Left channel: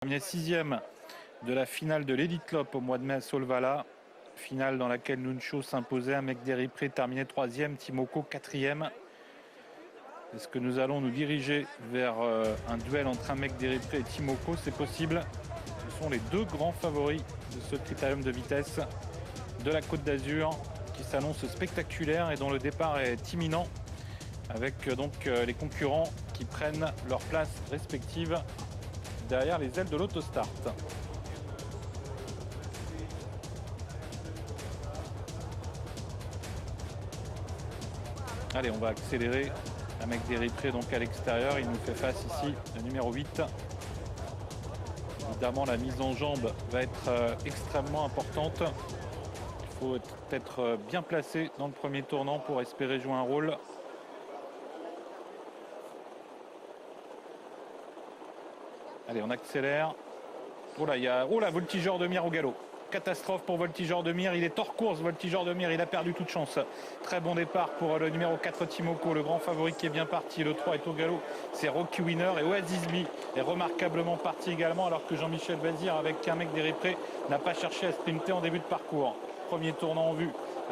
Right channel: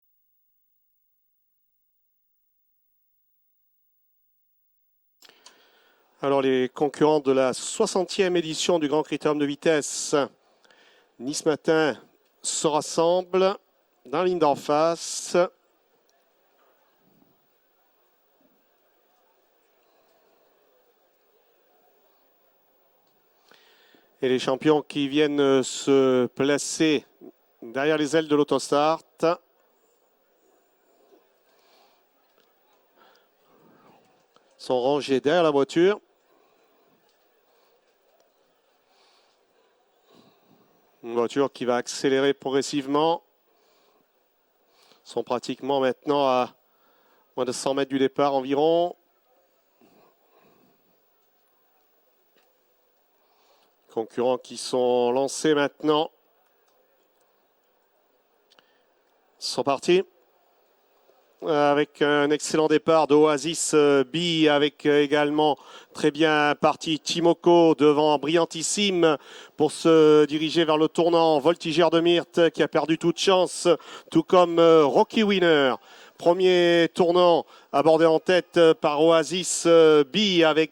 Terminé sixième de la finale de l'Elite Club au mois de mai à Solvala. Finale dans laquelle Nuncho s'imposait. Alors les concurrents de la 60e édition du Grand Critérium de vitesse est-ce que nous allons nous diriger ce matin vers se rassemblent dans la ligne d'en face. Ce sont les deux grands favoris de ce Critérium de vitesse de la Côte d'Azur qui s'annonce spectaculaire et dont le départ est imminent. Et les champions qui viennent se placer derrière les ailes de l'autostart. Derrière les ailes de l'autostart. Sont rangés derrière la voiture. Allez, on va accélérer. Un mec déripré donc à l'extérieur. Une voiture qui va accélérer progressivement. Ils sont pratiquement maintenant à moins de 100 mètres du départ environ. Il faut être bien placé dans le premier tournant pour espérer jouer un rôle. Concurrents qui sont lancés maintenant. Allez, on accélère. Ils sont partis. Avec un excellent départ d'Oasis B, avec également très bien parti Timoko devant Brillantissime pour se diriger vers le tournant. Voltigeur de Myrthe qui a perdu toute chance, tout comme Rocky Winner. Premier tournant abordé en tête par Oasis B avec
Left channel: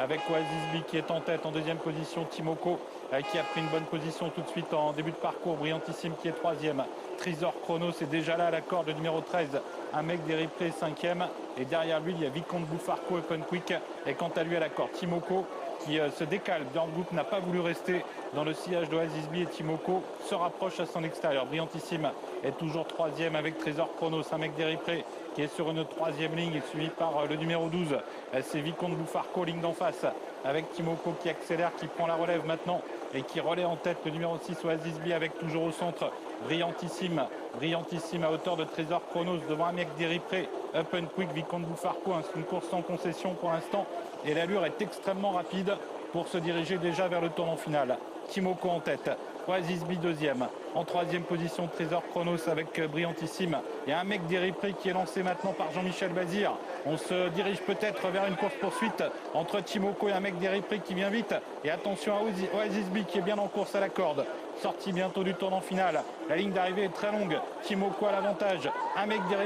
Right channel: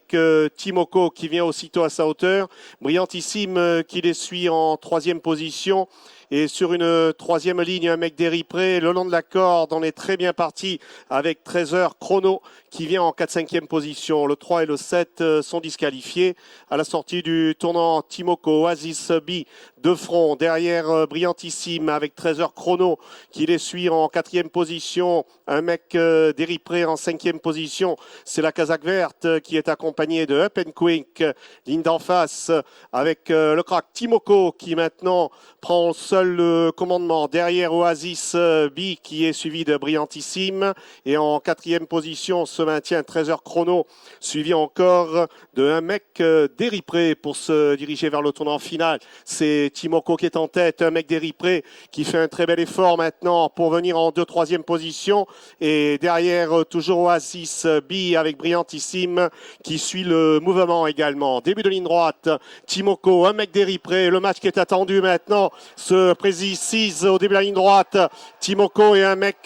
Timoko qui vient aussitôt à sa hauteur. Brillantissime qui les suit en troisième position. Et sur une troisième ligne, un mec d'Eripré le long de la corde. On est très bien parti avec 13 heures chrono qui vient en 4-5e position. Le 3 et le 7 sont disqualifiés. À la sortie du tournant, Timoko, Oasis B de front. Derrière Brillantissime avec 13 heures chrono qui les suit en 4e position. Un mec d'Eripré en 5e position. C'est la casaque verte qui est accompagnée de Up and Quick. Ligne d'en face avec le crack Timoko qui maintenant prend seul le commandement. Derrière Oasis B qui est suivi de Brillantissime. Et en 4e position se maintient 13 heures chrono, suivi encore de un mec d'Eripré pour se diriger vers le tournant final. C'est Timoko qui est en tête, un mec d'Eripré qui fait un très bel effort maintenant pour venir en 2-3e position. Et derrière toujours Oasis B avec Brillantissime qui suit le mouvement également. Début de ligne droite, Timoko, un mec d'Eripré. Le match qui est attendu maintenant se précise au début de la ligne droite. Timoko et un mec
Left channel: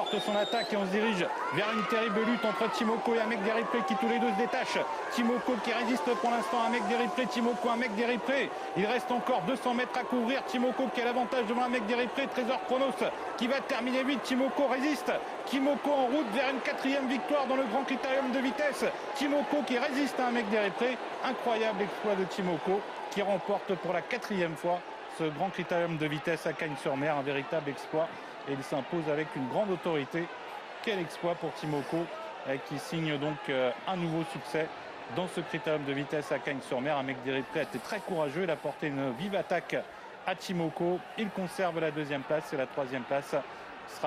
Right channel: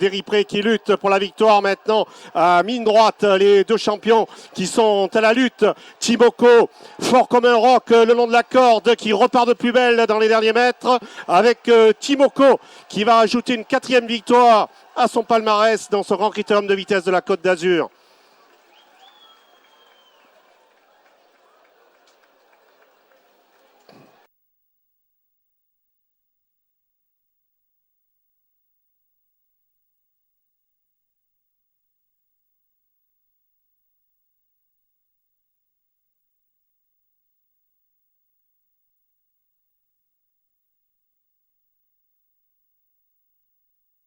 d'Eripré qui lutte pour la victoire maintenant à ligne droite. Les deux champions qui sont à la lutte. Timoko, fort comme un roc le long de la corde, qui repart de plus belle dans les derniers mètres avec Timoko qui va ajouter une 4e victoire à son palmarès dans ce Grand Critérium de vitesse de la Côte d'Azur. Timoko qui résiste à un mec d'Eripré. Incroyable exploit de Timoko qui remporte pour la 4e fois ce Grand Critérium de vitesse à Cagnes-sur-Mer. Un véritable exploit et il s'impose avec une grande autorité. Quel exploit pour Timoko qui signe donc un nouveau succès dans ce Critérium de vitesse à Cagnes-sur-Mer. Un mec d'Eripré a été très courageux. Il a porté une vive attaque à Timoko. Il conserve la 2e place et la 3e place